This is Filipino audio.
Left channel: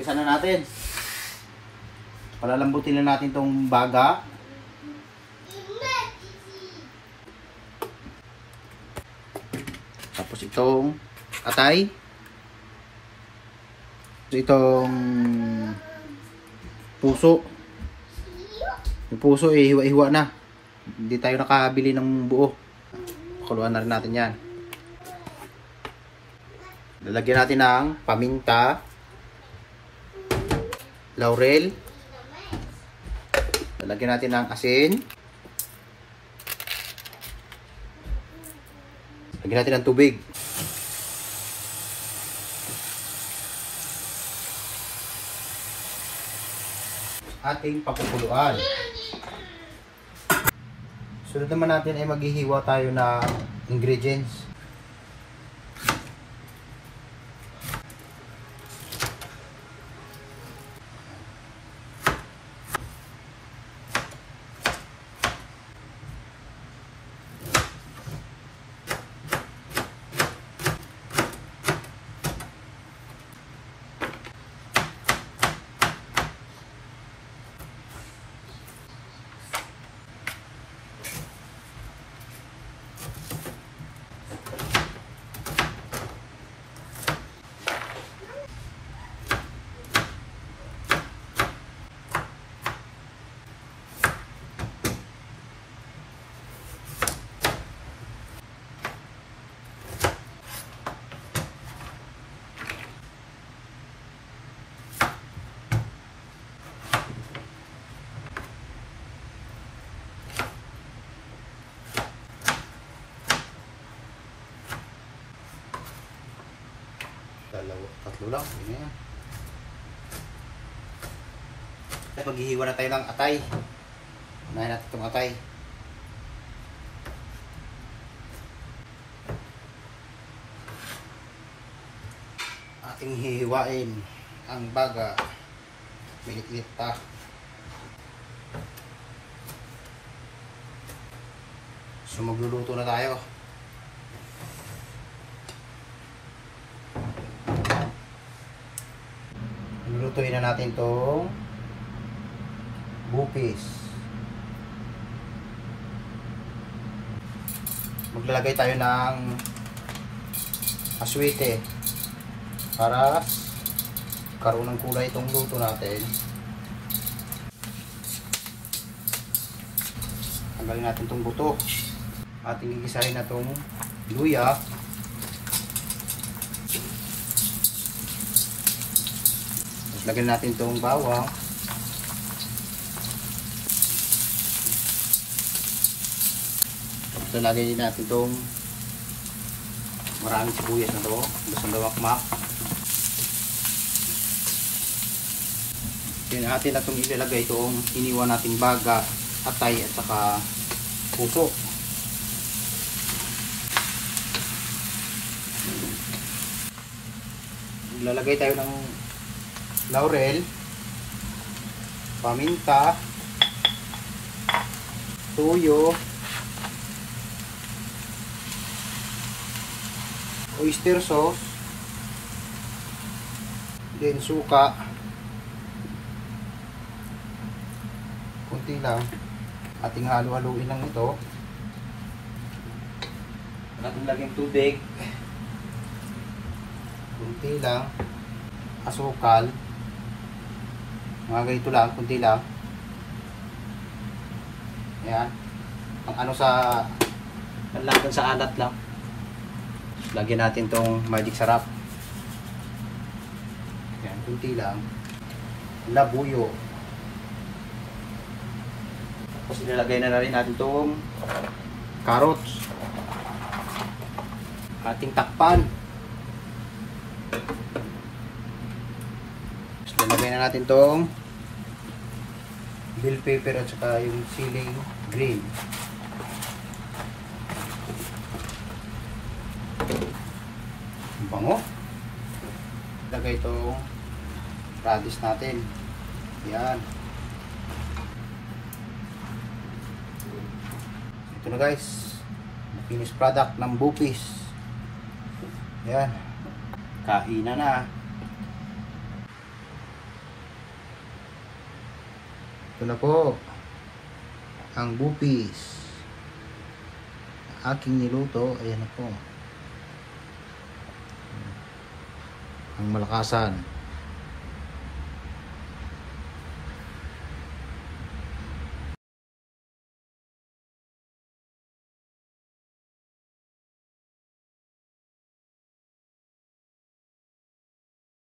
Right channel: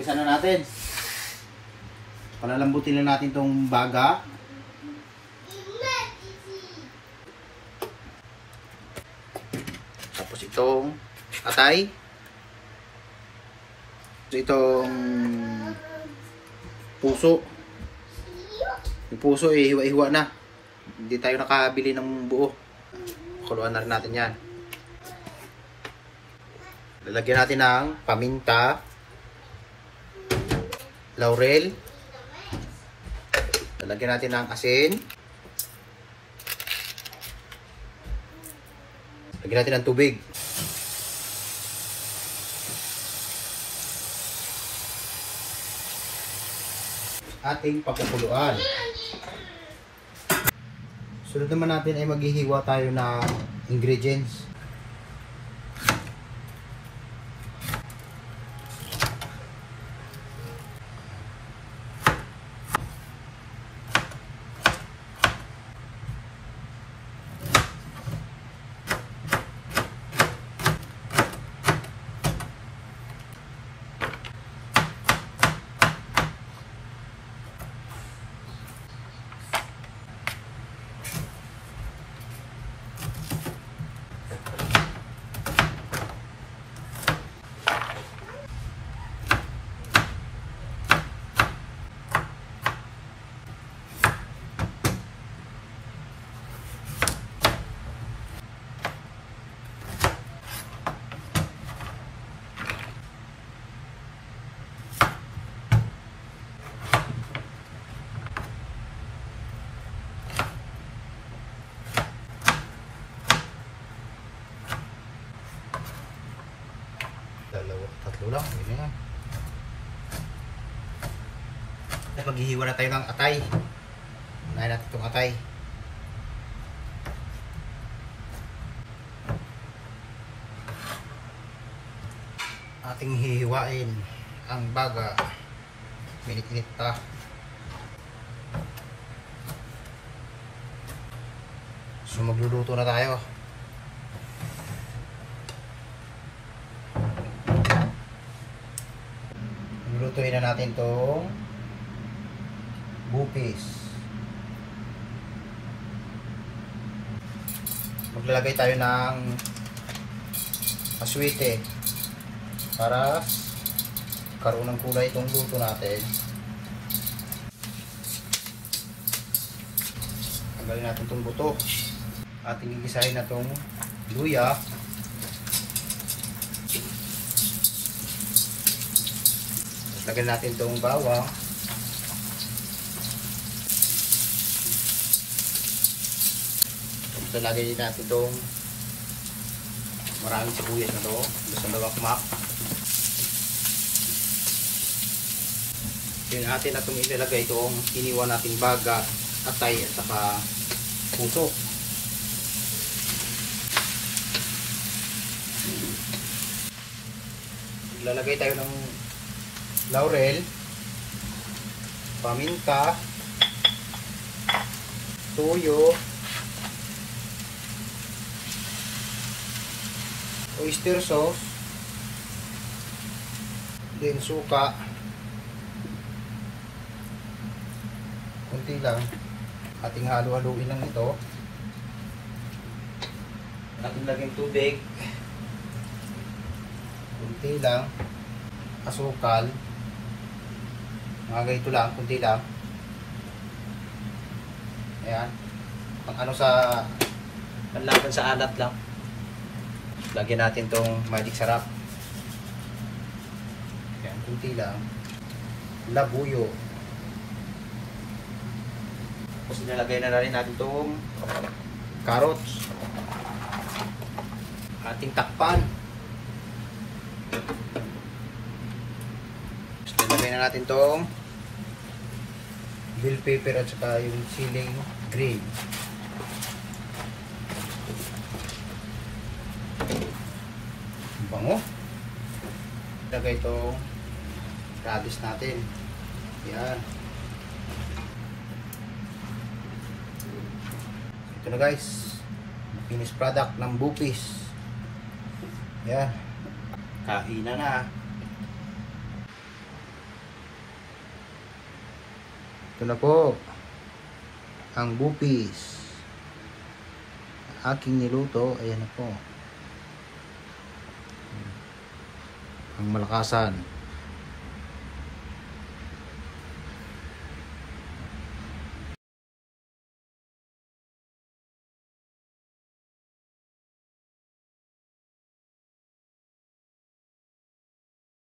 Isa na natin. Palalambutin na natin tong baga. Tapos itong atay. Itong puso. Yung puso eh, hiwa-hiwa na. Hindi tayo nakabili ng buo. Kuluan na rin natin yan. Lalagyan natin ng paminta, laurel. Lalagyan natin ng asin. Lagyan natin ng tubig. Ating papakuluan. Sunod naman natin ay maghihiwa tayo ng ingredients. Tatlo lang, yun yan. At maghihiwa na tayo ng atay. Unahin natin itong atay. Ating hihiwain ang baga. Minit-minit pa. So magluluto na tayo. Lutuin na natin itong bupis. Maglalagay tayo ng aswite para karoon ng kulay itong luto natin. Tanggalin natin itong buto. Ating gigisahin na itong luya. Lagyan natin itong bawang. So, lagyan din natin itong maraming sibuyas na ito. Basta lawakmak. Then, atin na itong ilalagay itong iniwan nating baga, atay at saka puso. Lalagay tayo ng laurel, paminta, toyo, oyster sauce, then suka, kunti lang. Ating halu-haluin lang ito. Ating lagyan tubig, kunti lang, asukal. Mga ganito lang, kunti lang. Ayan. Ang ano sa panlaban sa alat lang. Lagyan natin tong magic sarap. Ayan, kunti lang. Labuyo. Tapos nilagay na rin natin tong carrots. Ating takpan. Tapos nilagay na natin tong bell pepper at saka yung siling green. Bango. Lagay itong radish natin. Yan. Ito na guys. Finished product ng bupis. Yan. Kainan na. Ito na po ang bupis aking niluto. Ayan na po ang malakasan.